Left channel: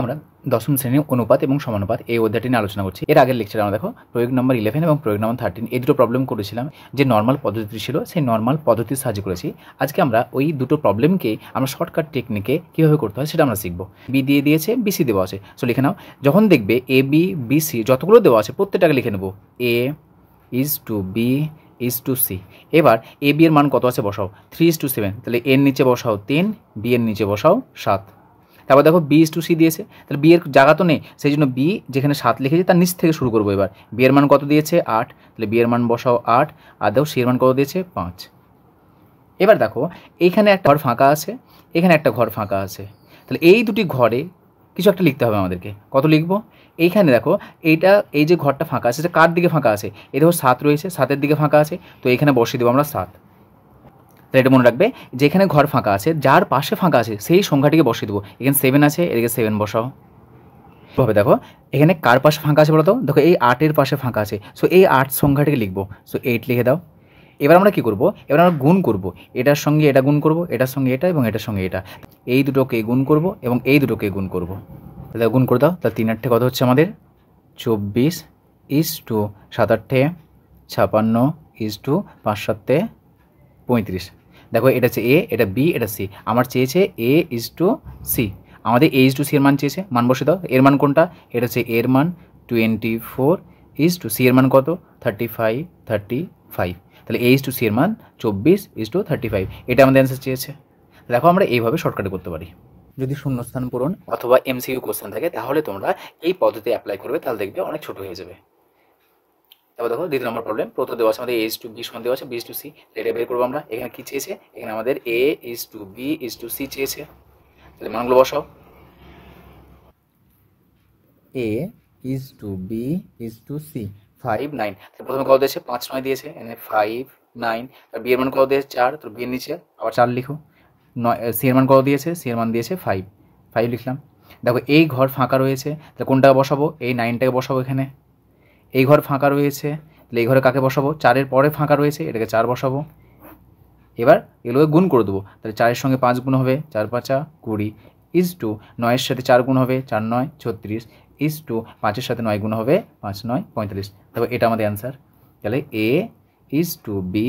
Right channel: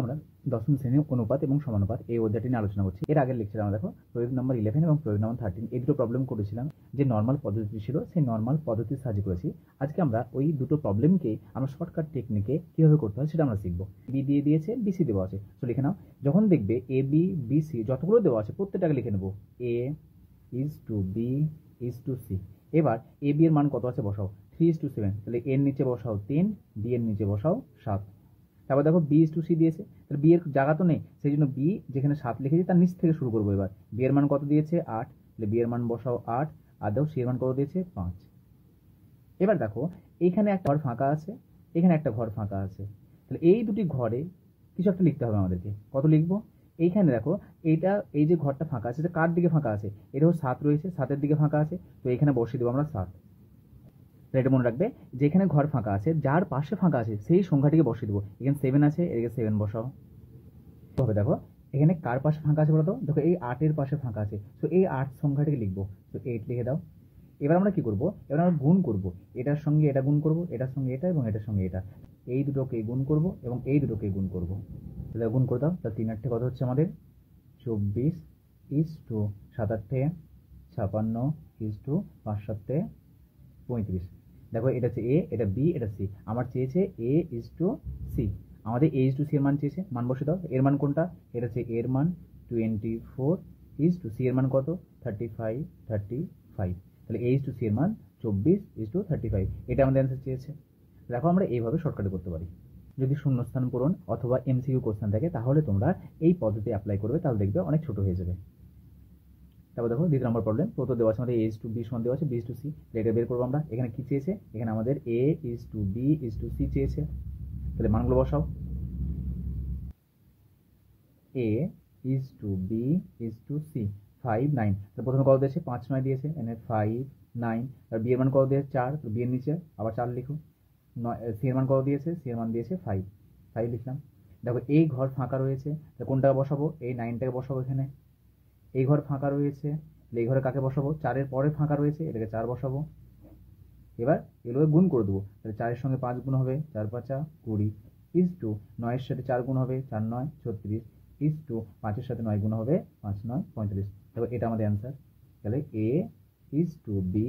আমরা দশম শ্রেণীর অনুপাত এবং সমানুপাত এই অধ্যায়টি নিয়ে আলোচনা করছি। এর আগের লেকচারে আমরা দেখো প্রয়োগ নম্বর 11 এবং প্রয়োগ নম্বর 13 এই দুটো প্রবলেম করেছিলাম। যে নর্মাল পদ্ধতি ছিল সেই নর্মাল পদ্ধতির সাহায্যে করেছি। আজকে আমরা ওই দুটো প্রবলেমকে আমরা শর্টকাট টেকনিকে কীভাবে করতে হয় সেটা আমরা শিখব। বি দিয়ে দিয়েছে, বিসি দেওয়া আছে, সো লিখে নাও। যখন দেখবে এ বি বিসি যতগুলো দেওয়া আছে প্রত্যেকটাকে লিখে নেব। A is to B is to C. এবার এ বি এর মান কত আছে বসাও, 3:7। তাহলে এর নিচে বসাও 3, বি এর নিচে বসাও 7। তারপর দেখো বি ইজ টু সি দিয়েছে, তাহলে বি এর জায়গা তো নেই, সেই জন্য বি যেখানে 7 লিখেছে তার নিচ থেকে শুরু করবো। এবার বি এর মান কত দিয়েছে 8, তাহলে বি এর মান বসাও 8, আর দেখো সি এর মান কত দিয়েছে 5। এবার দেখো এইখানে একটা ঘর ফাঁকা আছে, এখানে একটা ঘর ফাঁকা আছে, তাহলে এই দুটি ঘরে কিছু একটা লিখতে হবে আমাদেরকে। কত লিখবো? এইখানে দেখো এইটা, এই যে ঘরটা ফাঁকা আছে সেটা কার দিকে ফাঁকা আছে? এই দেখো 7 রয়েছে, 7-এর দিকে ফাঁকা আছে, তো এখানে বসিয়ে দেবো আমরা 7। তাহলে এটা মনে রাখবে, যেখানে ঘর ফাঁকা আছে যার পাশে ফাঁকা আছে সেই সংখ্যাটিকে বসিয়ে দেবো। এখানে 7 আছে, এদিকে 7 বসাও। ভাবে দেখো এখানে কার পাশে ফাঁকা আছে বলো তো? দেখো এই 8-এর পাশে ফাঁকা আছে, সো এই 8 সংখ্যাটিকে লিখবো, সো 8 লিখে দাও। এবার আমরা কী করবো? এবার আমরা গুণ করব, এটার সঙ্গে এটা গুণ করব, এটার সঙ্গে এটা এবং এটার সঙ্গে এটা, এই দুটোকে গুণ করব এবং এই দুটোকে গুণ করব। তাহলে গুণ করে দাও। তাহলে 3-8 কত হচ্ছে আমাদের 24 ইজ টু 7-8 56 ইজ টু 5-7 35। দেখো এটা হচ্ছে এ, এটা বি, এটা সি। আমার চেয়েছে এ ইজ টু সি, আমাদের এ ইজ টু সি এর মান চেয়েছে, মান বসে দাও। এর মান কোনটা? এটা হচ্ছে এর মান 24 ইজ টু সি এর মান কত 35। তাহলে এ ইজ টু সি এর মান 24 ইজ টু 35, এটা আমাদের অ্যান্সার চেয়েছে। দেখো আমরা এইভাবে শর্টকাটে করতে পারি। যদি শূন্যস্থান পূরণ অথবা এমসিকিউ কোশ্চেন থাকে তাহলে তোমরা এই পদ্ধতি অ্যাপ্লাই করবে, তাহলে দেখবে অনেক ছোট হয়ে যাবে। তারপর দেখো দ্বিতীয় নম্বর প্রবলেম, প্রথম দেওয়া আছে আমাদের এ ইজ টু বি সমান দেওয়া আছে বি ইজ টু সি। এটা বের করবো আমরা। এখানে কী চেয়েছে? এখানে আমাদের A is to B is to C চেয়েছে, তাহলে মানগুলো বসাও। A is to B is to C 5 9, তাহলে প্রথমে কত দিয়েছে 5 9 দিয়েছে, এখানে 5 9। বি এর মান কত দিয়েছে 4, তো বি এর নিচে আবার 4 লিখো। 9 সি এর মান কত দিয়েছে? সি এর মান দিয়েছে 5 লিখলাম। দেখো এই ঘর ফাঁকা রয়েছে, তাহলে কোনটাকে বসাবো? এই 9টাকে বসাবো এখানে। এই ঘর ফাঁকা রয়েছে, তাহলে এই ঘরে কাকে বসাবো? 4-এর পরে ফাঁকা রয়েছে, এটাকে 4 বসাবো। এবার এগুলোকে গুণ করে দেবো, তাহলে 4-এর সঙ্গে 5 গুণ হবে, 4 5 20 ইজ টু 9-এর সাথে 4 গুণ হবে, 4 9 36 ইজ টু 5-এর সাথে 9 গুণ হবে, 5 9 45। দেখো এটা আমাদের অ্যান্সার। তাহলে A is to B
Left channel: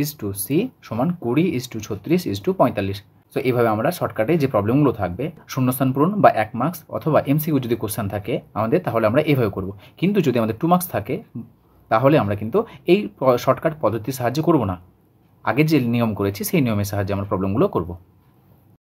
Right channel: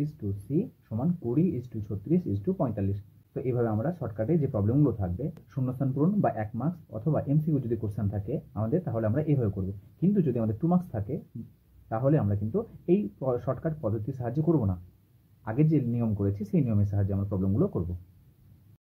is to C সমান 20 is to 36 is to 45। So এইভাবে আমরা শর্টকাটে যে প্রবলেমগুলো থাকবে শূন্যস্থান পূরণ বা 1 মার্কস অথবা এমসিকিউ যদি কোশ্চেন থাকে আমাদের, তাহলে আমরা এইভাবে করব। কিন্তু যদি আমাদের 2 মার্কস থাকে তাহলে আমরা কিন্তু এই শর্টকাট পদ্ধতির সাহায্যে করব না, আগে যে নিয়ম করেছি সেই নিয়মের সাহায্যে আমরা প্রবলেমগুলো করব।